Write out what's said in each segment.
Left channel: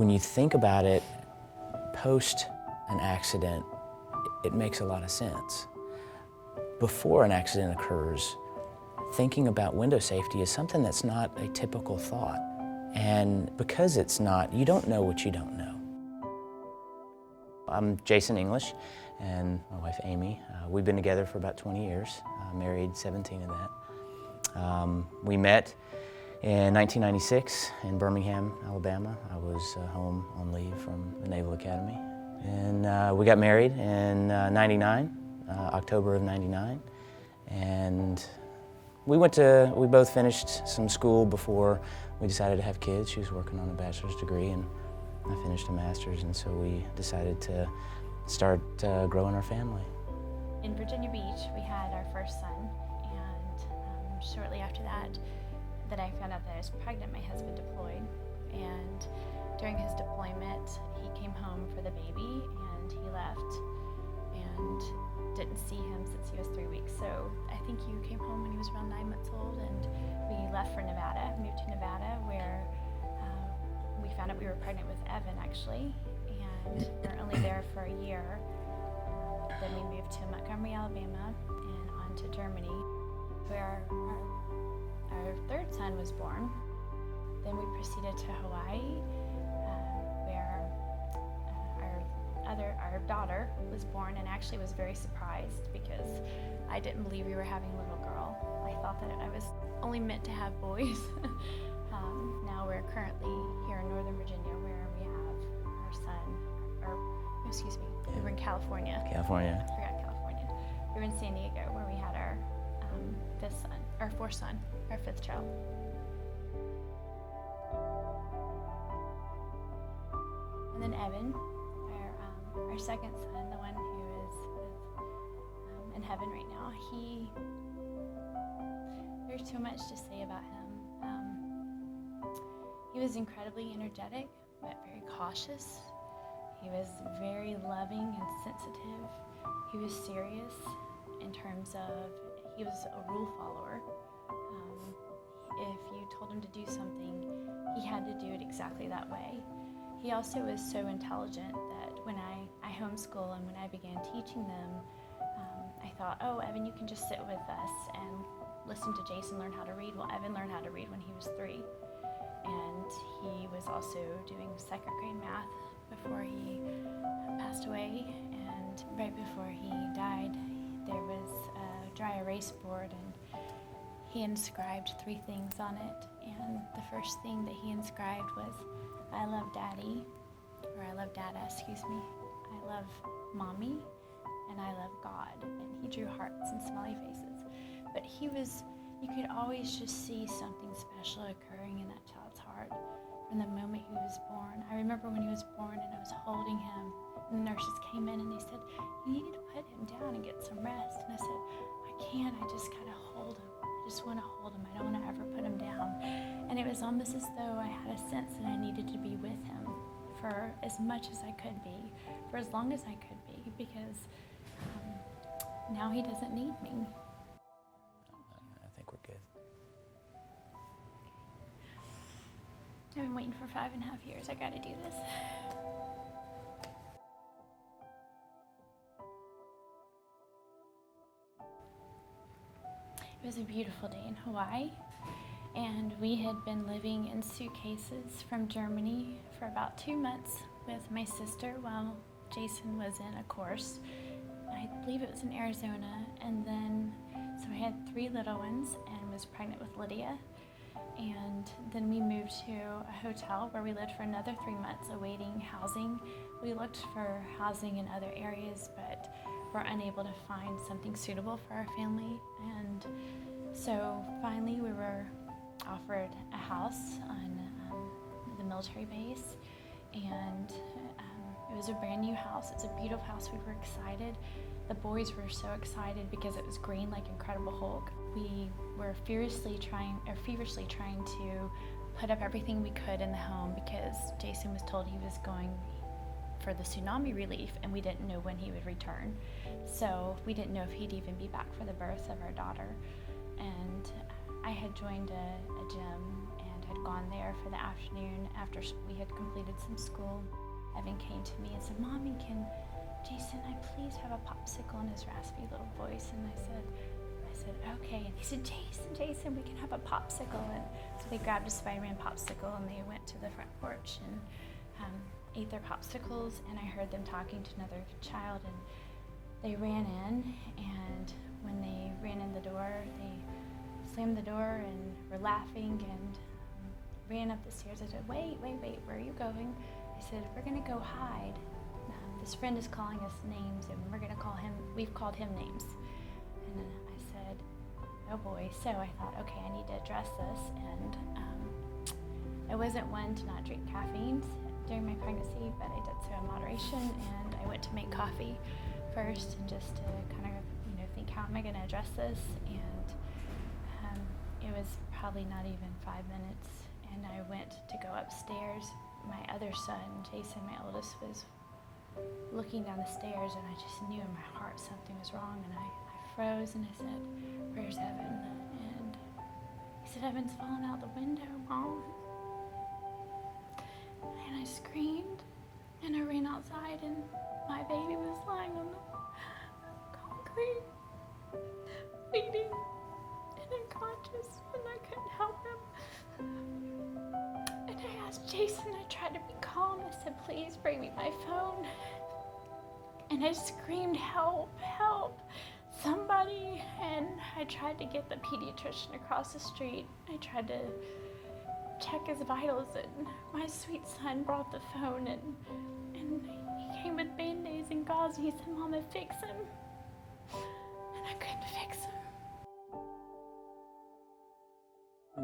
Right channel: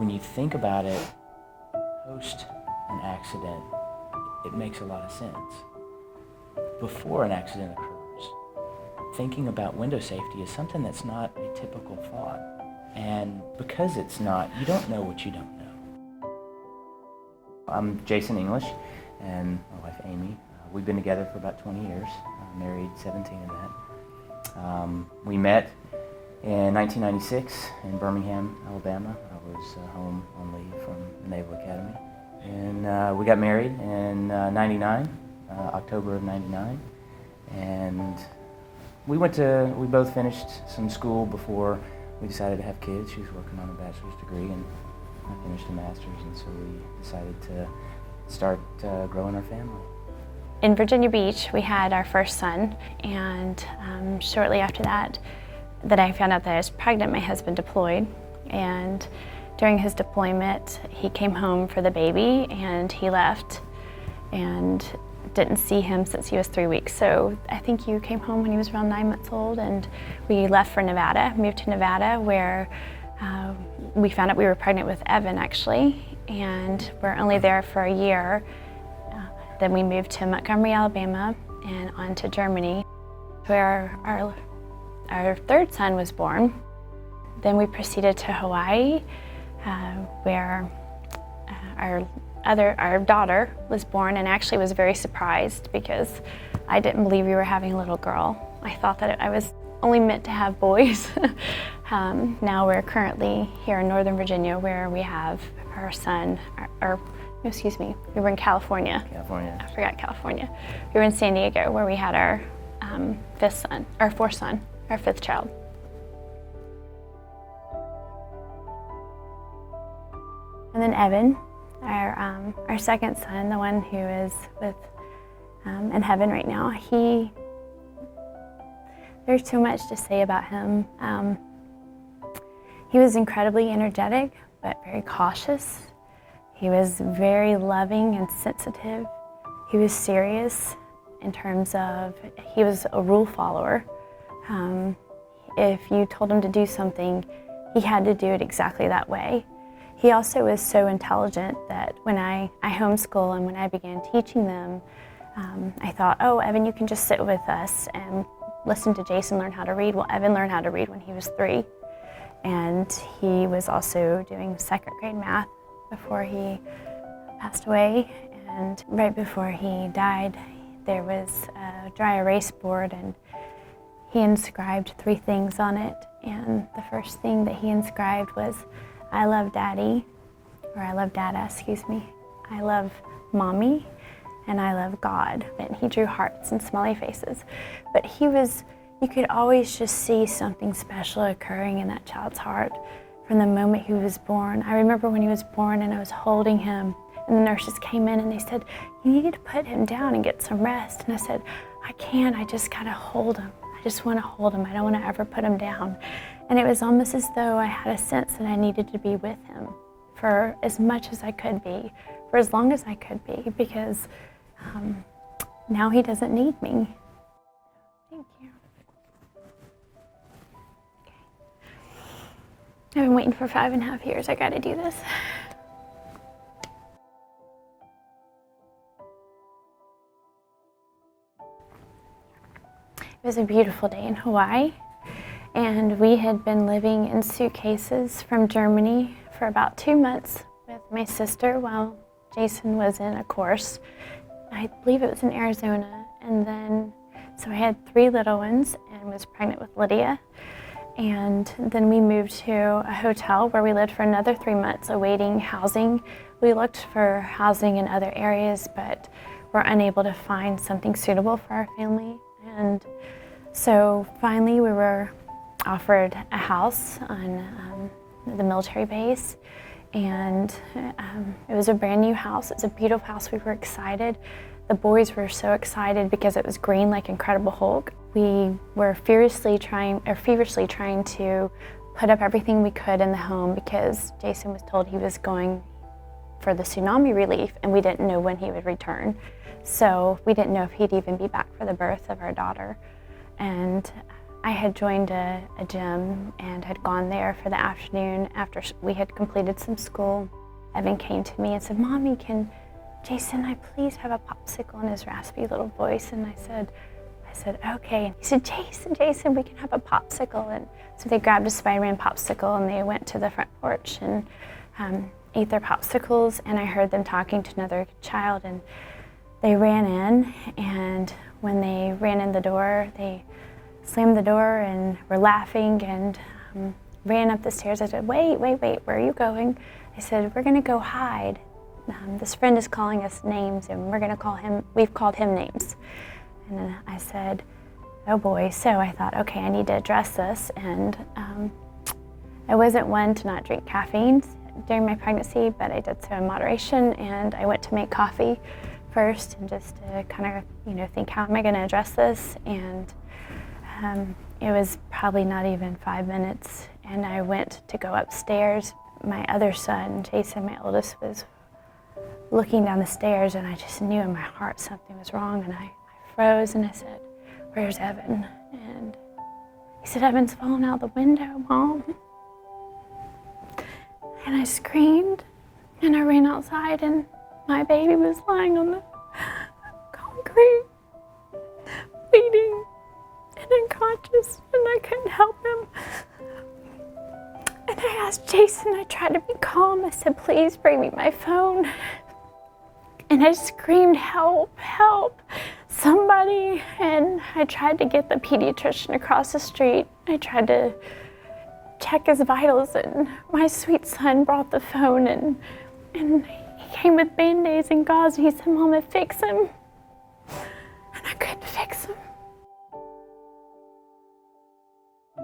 When you think about it, post an accident, it makes a lot of sense. Before an accident occurs, thinking about window safety is something that's not a typical thought. And because it's not, you don't know what you don't know. I'm Jason English and my wife Amy. We've been together for about 20 years, married 17 in that. We met in 1996 in Birmingham, Alabama. I was home on leave from the Naval Academy. And we got married in 99, October of 99. And we both finished some school before we decided to have kids. She was working on a bachelor's degree and I finished a master's, and so we decided to start growing our family. In Virginia Beach, we had our first son, and shortly after that I found out that I was pregnant. My husband deployed, and during his deployment, he came home for the baby, and he left, and didn't see him since he was 3 weeks. So I think you came home when he was around 9 months old, and we left for Nevada, moved to Nevada, where we found out we were pregnant with Evan, actually, and we're only there for a year. Then we moved to Montgomery, Alabama, and on to Germany, where our third son was born. Then we proceeded to Hawaii, where our daughter was born, and actually was very surprised because I didn't believe we were having a little girl. I thought that I was only meant to have boys. Now we're currently here in Northern Virginia, where we have our son, we were in California. I forgot California. We were in San Diego, where we had our fourth son, our fifth child. And then Evan, our second son, the one who is in heaven right now, there's too much to say about him. He was incredibly energetic, but very cautious. He was very loving and sensitive. He was serious in terms of, he was a rule follower. If you told him to do something, he had to do it exactly that way. He also was so intelligent that when I homeschool and when I began teaching them, I thought, oh, Evan, you can just sit with us and listen to Jason learn how to read. Well, Evan learned how to read when he was 3. And he was also doing 2nd grade math before he passed away. And right before he died, there was a dry erase board, and he inscribed 3 things on it. And the first thing that he inscribed was, I love Daddy, or I love Dada, excuse me. I love Mommy, and I love God. And he drew hearts and smiley faces. But you could always just see something special occurring in that child's heart from the moment he was born. I remember when he was born and I was holding him, and the nurses came in and they said, you need to put him down and get some rest. And I said, I can't, I just gotta hold him. I just wanna hold him. I don't wanna ever put him down. And it was almost as though I had a sense that I needed to be with him for as much as I could be, for as long as I could be, because now he doesn't need me. Thank you. I think we're good. I've been waiting for 5.5 years. I gotta do this. It was a beautiful day in Hawaii, and we had been living in suitcases from Germany for about 2 months with my sister while Jason was in a course. I believe it was in Arizona, and then, so I had 3 little ones and was pregnant with Lydia. And then we moved to a hotel where we lived for another 3 months awaiting housing. We looked for housing in other areas, but were unable to find something suitable for our family. And so finally we were offered a house on the military base, and it was a brand new house. It's a beautiful house. We were excited. The boys were so excited because it was green like Incredible Hulk. We were feverishly trying to put up everything we could in the home because Jason was told he was going for the tsunami relief, and we didn't know when he would return. So we didn't know if he'd even be back for the birth of our daughter. And I had joined a gym and had gone there for the afternoon after we had completed some school. Evan came to me and said, "Mommy, can Jason and I please have a popsicle?" in his raspy little voice. And I said, "Okay." And he said, Jason, we can have a popsicle." And so they grabbed a Spider-Man popsicle and they went to the front porch and ate their popsicles. And I heard them talking to another child, and they ran in. And when they ran in the door, they slammed the door and were laughing and ran up the stairs. I said, wait, where are you going? I said, "We're gonna go hide. This friend is calling us names and we've called him names." And then I said, "Oh boy." So I thought, okay, I need to address this. And I wasn't one to not drink caffeine during my pregnancy, but I did so in moderation. And I went to make coffee first and just to kind of, think, how am I gonna address this? And it was probably not even 5 minutes. And I went to go upstairs. My other son, Jason, my oldest, was looking down the stairs, and I just knew in my heart something was wrong. And I froze and I said, "Where's Evan?" And he said, "Evan's fallen out the window, Mom." And I screamed and I ran outside, and my baby was lying on the concrete, bleeding and unconscious, and I couldn't help him. And I asked Jason, I tried to be calm. I said, "Please bring me my phone." And I screamed, "Help, help, somebody." And I tried to get the pediatrician across the street. I tried to check his vitals, and my sweet son brought the phone, and he came with Band-Aids and gauze, and he said, "Mama, fix him." And I couldn't fix him.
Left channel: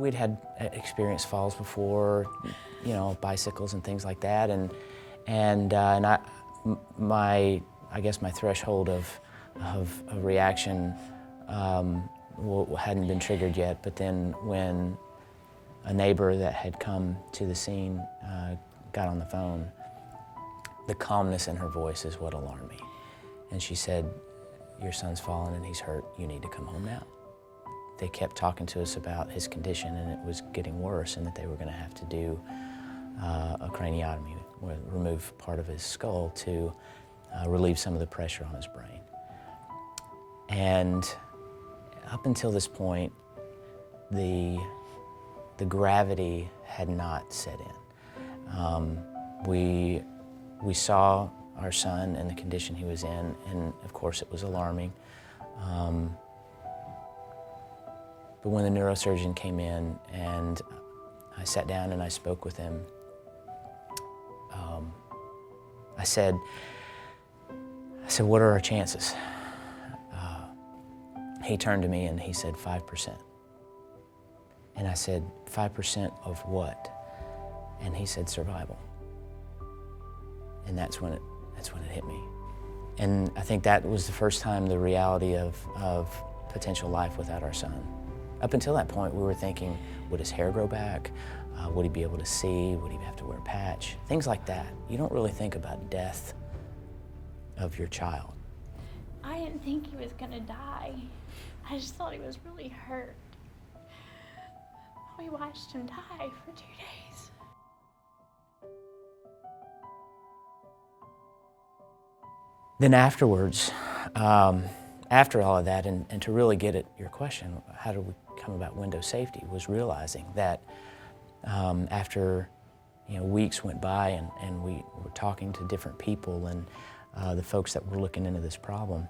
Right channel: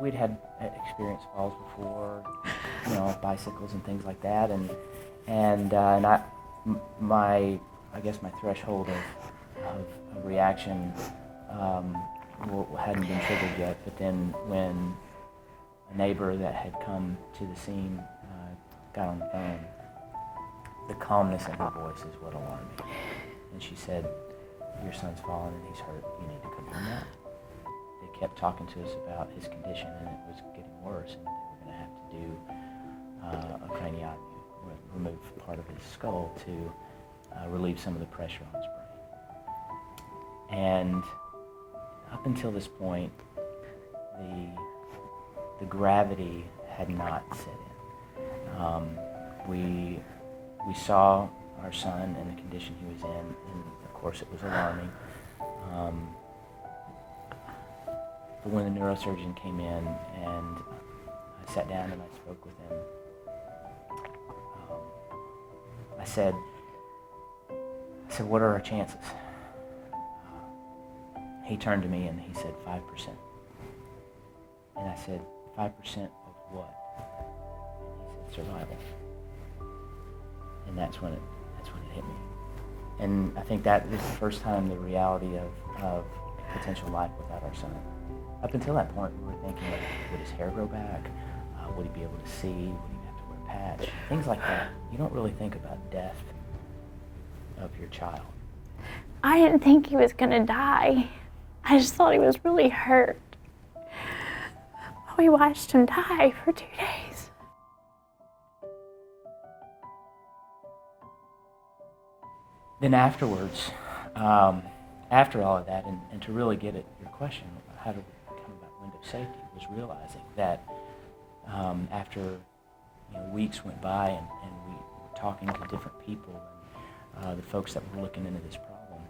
We'd had experienced falls before, bicycles and things like that, I guess my threshold of a reaction hadn't been triggered yet. But then when a neighbor that had come to the scene got on the phone, the calmness in her voice is what alarmed me. And she said, "Your son's fallen and he's hurt. You need to come home now." They kept talking to us about his condition, and it was getting worse, and that they were going to have to do a craniotomy, or remove part of his skull to relieve some of the pressure on his brain. And up until this point, the gravity had not set in. We saw our son and the condition he was in, and of course it was alarming. But when the neurosurgeon came in and I sat down and I spoke with him, I said, "What are our chances?" He turned to me and he said, 5%. And I said, 5% of what? And he said, survival. And that's when it hit me. And I think that was the first time the reality of potential life without our son. Up until that point, we were thinking, would his hair grow back? Would he be able to see? Would he have to wear a patch? Things like that. You don't really think about death of your child. I didn't think he was gonna die. I just thought he was really hurt. We watched him die for 2 days. Then afterwards, after all of that, and to really get at your question, how did we come about window safety, was realizing that after weeks went by and we were talking to different people, and the folks that were looking into this problem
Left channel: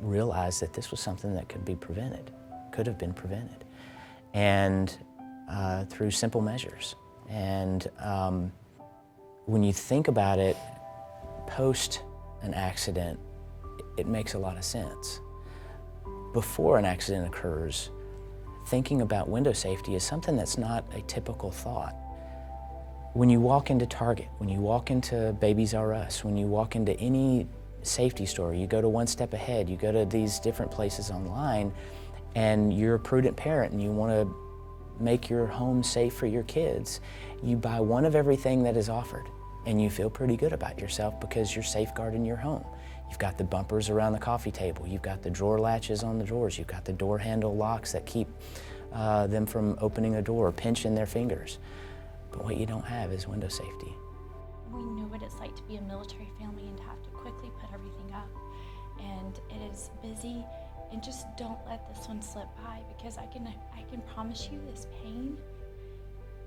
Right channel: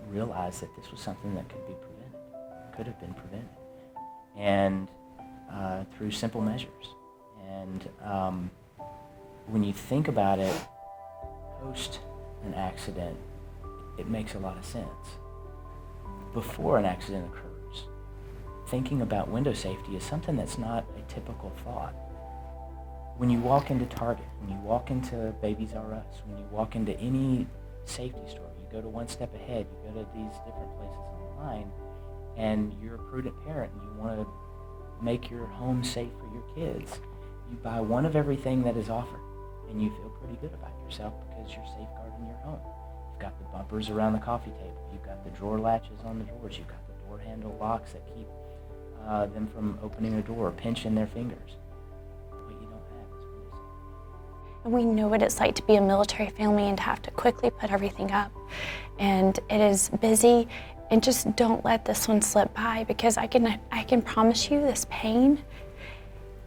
realized that this was something that could have been prevented, and through simple measures. And when you think about it, post an accident, it makes a lot of sense. Before an accident occurs, thinking about window safety is something that's not a typical thought. When you walk into Target, when you walk into Babies R Us, when you walk into any safety store, you go to One Step Ahead, you go to these different places online, and you're a prudent parent and you want to make your home safe for your kids, you buy one of everything that is offered, and you feel pretty good about yourself because you're safeguarding your home. You've got the bumpers around the coffee table. You've got the drawer latches on the drawers. You've got the door handle locks that keep them from opening a door or pinching their fingers. But what you don't have is window safety. And we know what it's like to be a military family and to have to quickly put everything up. And it is busy, and just don't let this one slip by, because I can promise you this pain,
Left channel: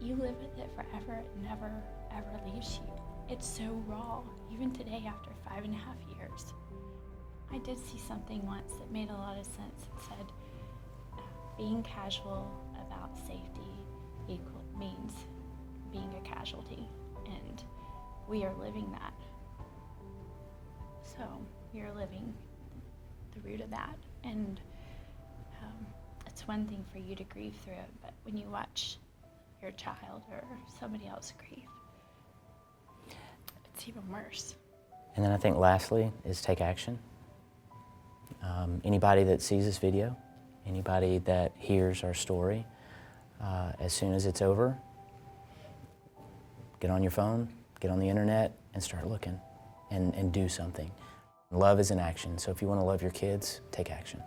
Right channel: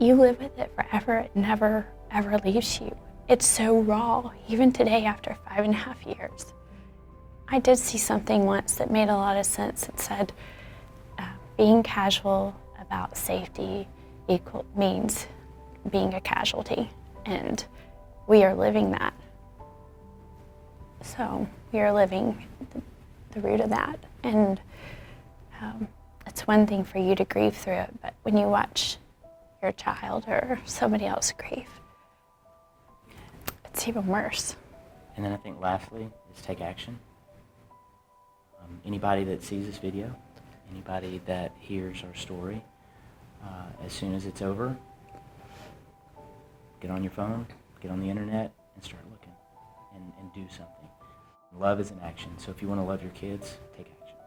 you live with it forever. It never, ever leaves you. It's so raw, even today after 5.5 years. I did see something once that made a lot of sense. It said, being casual about safety means being a casualty. And we are living that. So we are living the root of that. And it's one thing for you to grieve through it, but when you watch your child or somebody else grieve, it's even worse. And then I think lastly is take action. Anybody that sees this video, anybody that hears our story, as soon as it's over, get on your phone, get on the internet, and start looking and do something. Love is an action, so if you want to love your kids, take action.